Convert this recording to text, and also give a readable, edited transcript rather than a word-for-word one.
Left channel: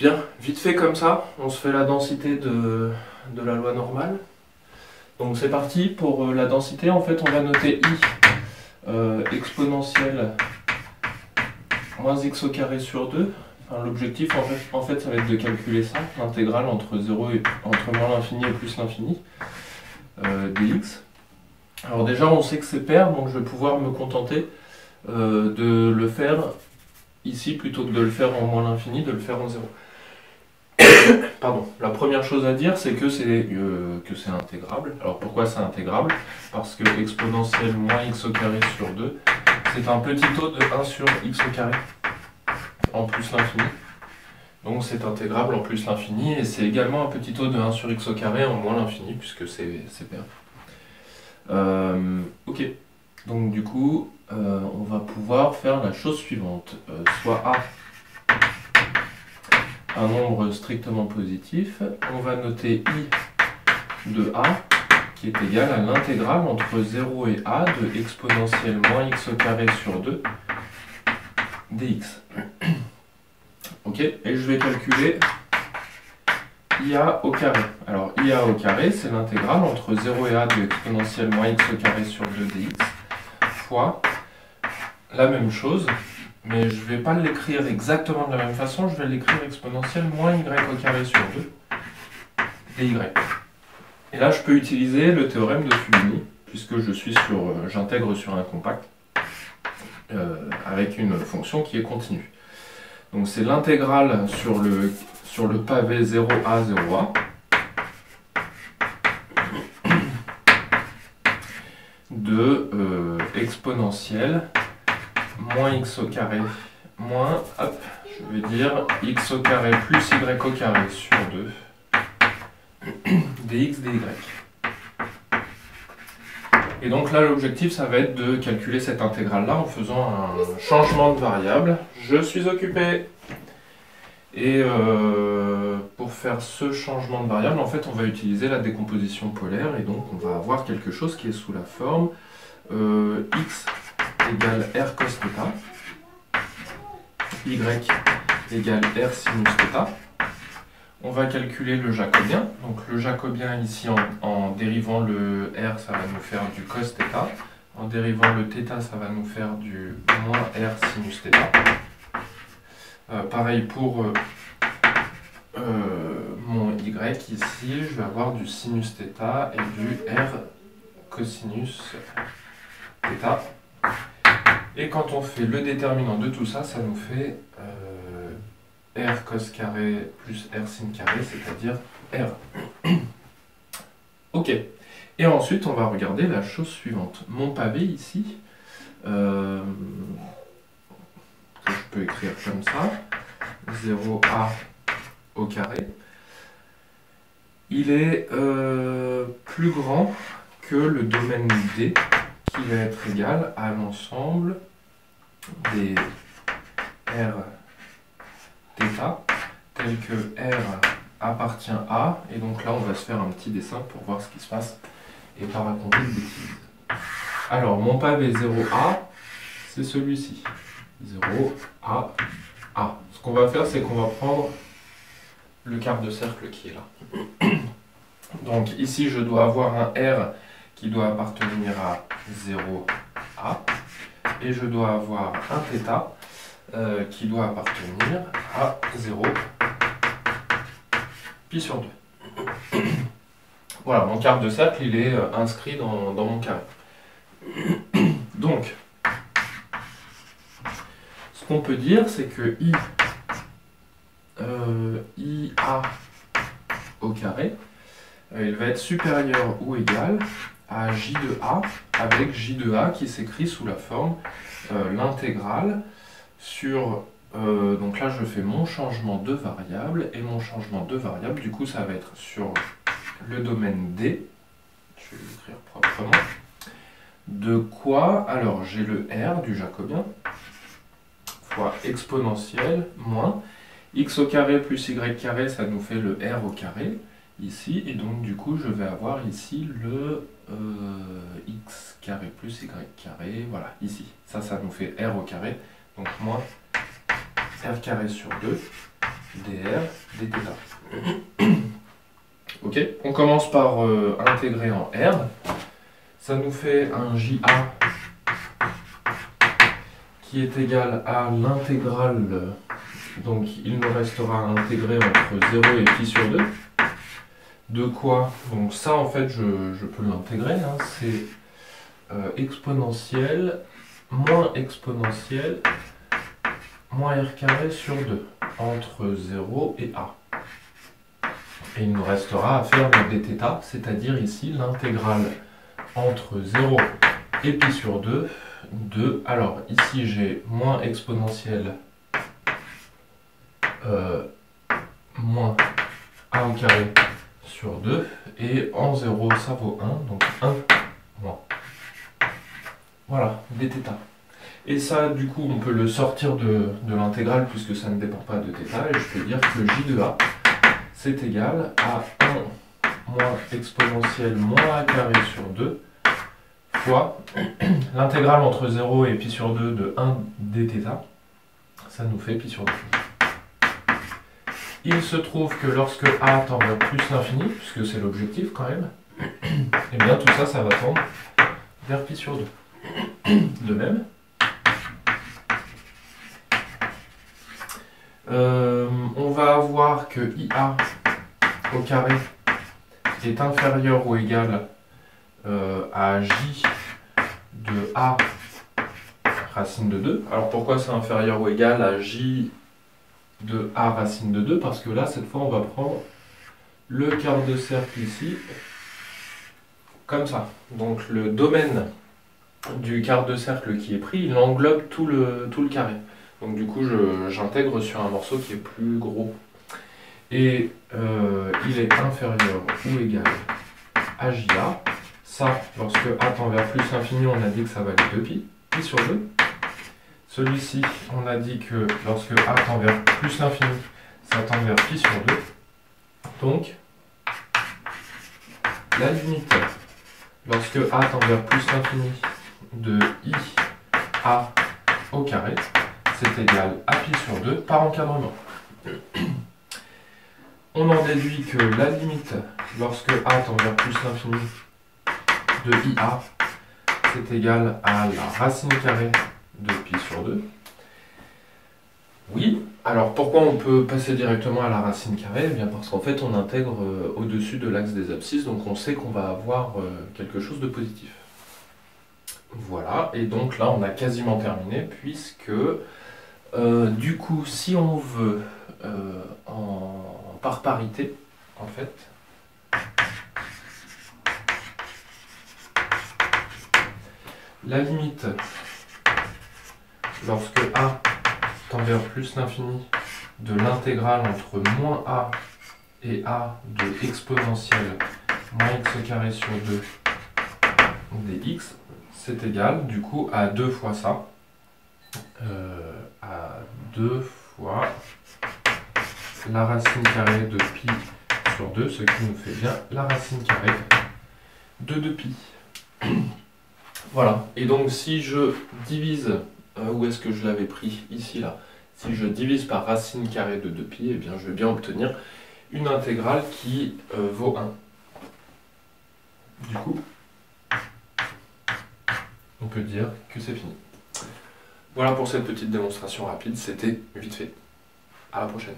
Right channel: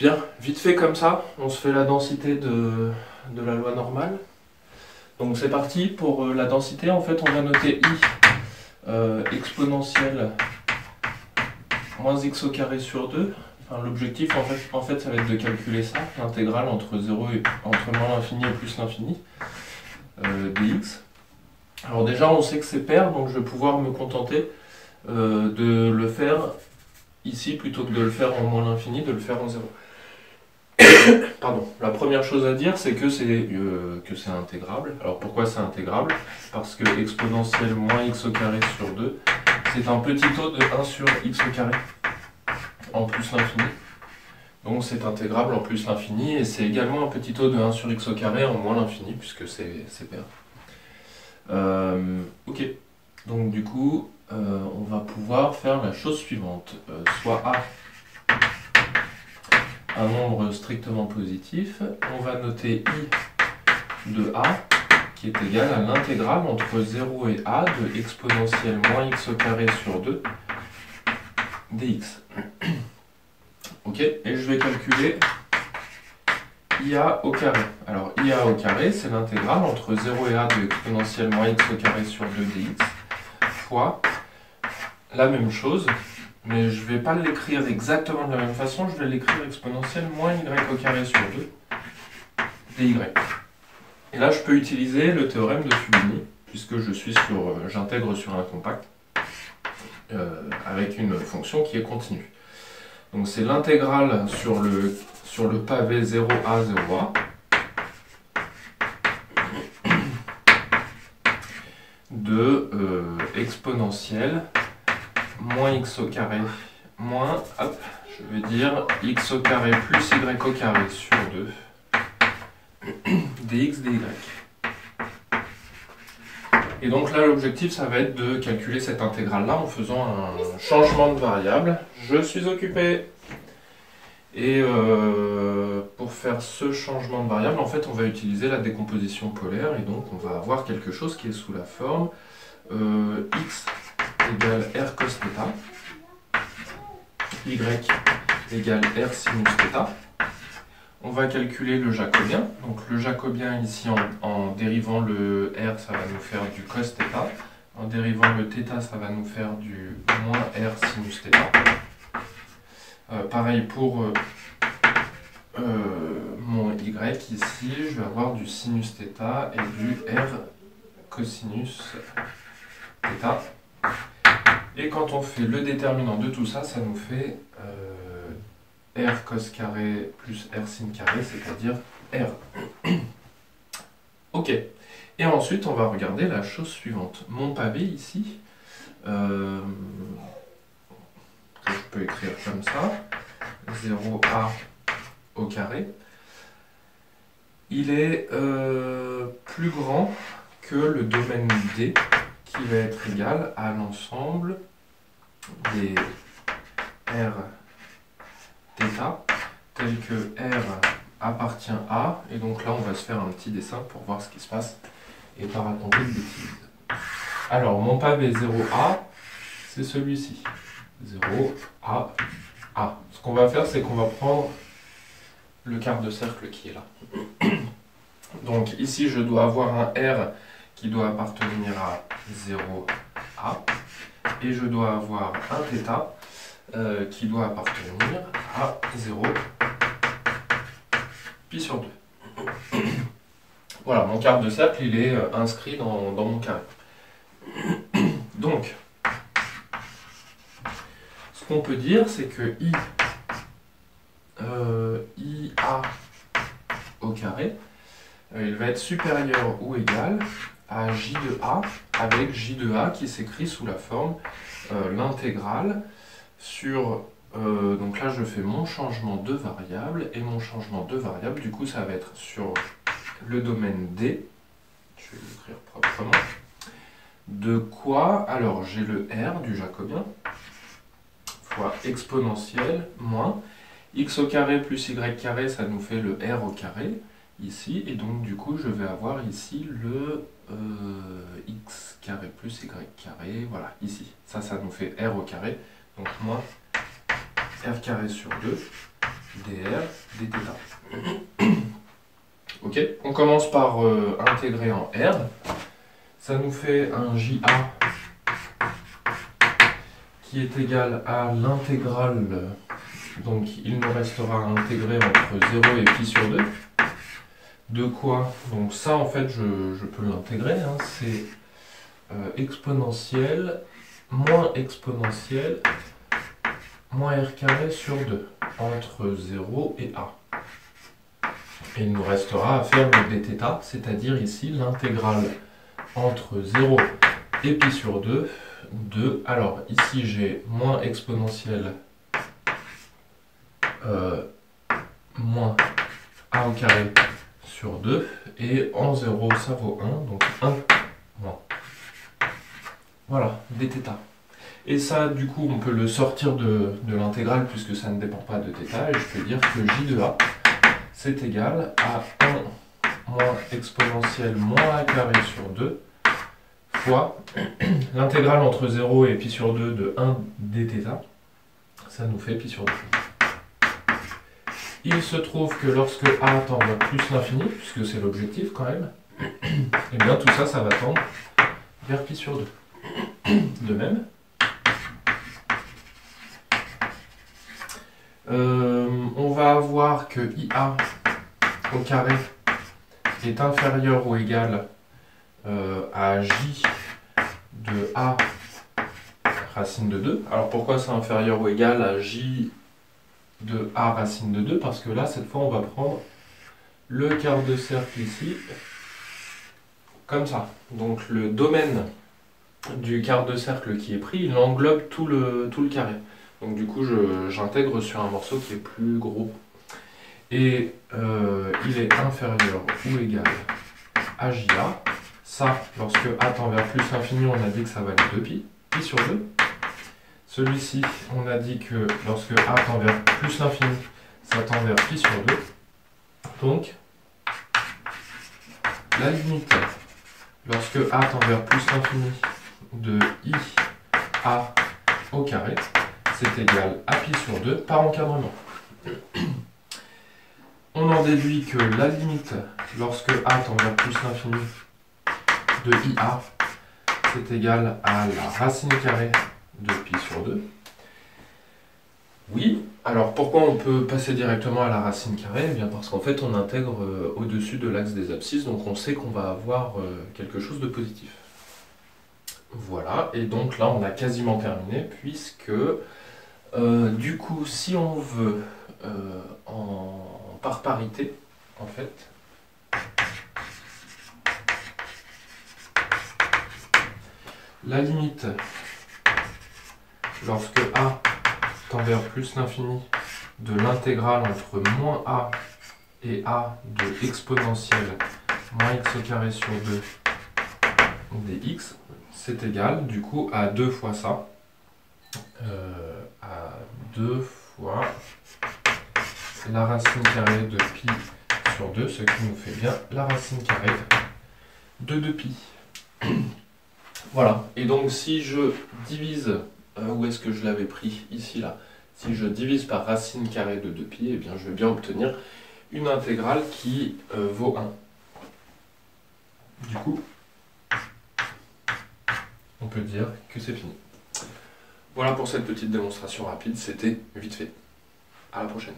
Bien, vite fait comme ça, on se fait la densité de la loi normale. Donc c'est parti, pour la densité, en fait on va noter i exponentielle moins x au carré sur 2. Enfin, l'objectif en fait ça va être de calculer ça, l'intégrale entre entre moins l'infini et plus l'infini dx. Alors déjà on sait que c'est pair, donc je vais pouvoir me contenter de le faire ici plutôt que de le faire en moins l'infini, de le faire en 0. Pardon. La première chose à dire, c'est que c'est intégrable. Alors pourquoi c'est intégrable? Parce que exponentielle moins x au carré sur 2, c'est un petit taux de 1 sur x au carré en plus l'infini. Donc c'est intégrable en plus l'infini, et c'est également un petit taux de 1 sur x au carré en moins l'infini, puisque c'est pair. Ok. Donc du coup, on va pouvoir faire la chose suivante. Soit A un nombre strictement positif, on va noter i de a qui est égal à l'intégrale entre 0 et a de exponentielle moins x au carré sur 2 dx. Ok, et je vais calculer ia au carré. Alors ia au carré, c'est l'intégrale entre 0 et a de exponentielle moins x au carré sur 2 dx fois la même chose, mais je ne vais pas l'écrire exactement de la même façon, je vais l'écrire exponentielle moins y au carré sur 2 dy. Et là, je peux utiliser le théorème de Fubini, puisque j'intègre sur un compact avec une fonction qui est continue. Donc c'est l'intégrale sur le pavé 0a, 0a de exponentielle moins x au carré moins, hop, je vais dire x au carré plus y au carré sur 2 dx dy. Et donc là, l'objectif, ça va être de calculer cette intégrale-là en faisant un changement de variable. Je suis occupé. Et pour faire ce changement de variable, en fait, on va utiliser la décomposition polaire. Et donc, on va avoir quelque chose qui est sous la forme x égale r cos θ, y égale r sinus θ. On va calculer le jacobien. Donc le jacobien ici, en dérivant le r, ça va nous faire du cos θ. En dérivant le θ, ça va nous faire du moins r sinus θ. Pareil pour mon y ici, je vais avoir du sinus θ et du r cosinus θ. Et quand on fait le déterminant de tout ça, ça nous fait r cos carré plus r sin carré, c'est-à-dire r. Ok. Et ensuite, on va regarder la chose suivante. Mon pavé ici, que je peux écrire comme ça, 0a au carré, il est plus grand que le domaine D, qui va être égal à l'ensemble des r θ, tel que R appartient à, et donc là on va se faire un petit dessin pour voir ce qui se passe et pas raconter de bêtises. Alors mon pavé 0A, c'est celui-ci. 0A, A. Ce qu'on va faire, c'est qu'on va prendre le quart de cercle qui est là. Donc ici je dois avoir un R qui doit appartenir à 0A, et je dois avoir un θ qui doit appartenir à 0 pi sur 2. Voilà, mon quart de cercle, il est inscrit dans mon carré. Donc, ce qu'on peut dire, c'est que IA au carré, il va être supérieur ou égal à J de A, avec J de A qui s'écrit sous la forme l'intégrale sur... donc là, je fais mon changement de variable, et mon changement de variable, du coup, ça va être sur le domaine D, je vais l'écrire proprement, de quoi? Alors, j'ai le R du jacobien, fois exponentielle, moins, x au carré plus y carré, ça nous fait le R au carré, ici, et donc, du coup, je vais avoir ici le x carré plus y carré, voilà, ici. Ça nous fait R au carré, donc moins r carré sur 2 dr dθ. Ok, on commence par intégrer en R. Ça nous fait un JA qui est égal à l'intégrale, donc il nous restera à intégrer entre 0 et pi sur 2. De quoi? Donc ça en fait je peux l'intégrer, hein, c'est exponentielle moins r carré sur 2 entre 0 et a. Et il nous restera à faire le dθ, c'est-à-dire ici l'intégrale entre 0 et pi sur 2 de... Alors ici j'ai moins exponentielle moins a au carré sur 2, et en 0 ça vaut 1, donc 1 moins. Voilà, dθ. Et ça, du coup, on peut le sortir de l'intégrale puisque ça ne dépend pas de θ, et je peux dire que j de a, c'est égal à 1 moins exponentielle moins a carré sur 2 fois l'intégrale entre 0 et pi sur 2 de 1 dθ, ça nous fait pi sur 2. Il se trouve que lorsque a tend vers plus l'infini, puisque c'est l'objectif quand même, et bien tout ça, ça va tendre vers pi sur 2. De même, on va avoir que IA au carré est inférieur ou égal à J de A racine de 2. Alors pourquoi c'est inférieur ou égal à J de A racine de 2? Parce que là, cette fois, on va prendre le quart de cercle ici, comme ça. Donc le domaine du quart de cercle qui est pris, il englobe tout le carré. Donc du coup, j'intègre sur un morceau qui est plus gros. Et il est inférieur ou égal à JA. Ça, lorsque A tend vers plus l'infini, on a dit que ça valait 2pi, pi sur 2. Celui-ci, on a dit que lorsque A tend vers plus l'infini, ça tend vers pi sur 2. Donc, la limite, lorsque A tend vers plus l'infini de IA au carré, c'est égal à pi sur 2 par encadrement. On en déduit que la limite, lorsque A tend vers plus l'infini de IA, c'est égal à la racine carrée de pi sur 2. Oui, alors pourquoi on peut passer directement à la racine carrée? Eh bien parce qu'en fait on intègre au-dessus de l'axe des abscisses, donc on sait qu'on va avoir quelque chose de positif. Voilà, et donc là on a quasiment terminé, puisque du coup si on veut par parité, en fait, la limite lorsque A tend vers plus l'infini de l'intégrale entre moins A et A de exponentielle moins x au carré sur 2 dx, c'est égal du coup à 2 fois ça, à 2 fois la racine carrée de pi sur 2, ce qui nous fait bien la racine carrée de 2pi. Voilà, et donc si je divise, où est-ce que je l'avais pris? Ici, là. Si je divise par racine carrée de 2pi, eh bien je vais bien obtenir une intégrale qui vaut 1. Du coup, on peut dire que c'est fini. Voilà pour cette petite démonstration rapide, c'était vite fait. À la prochaine.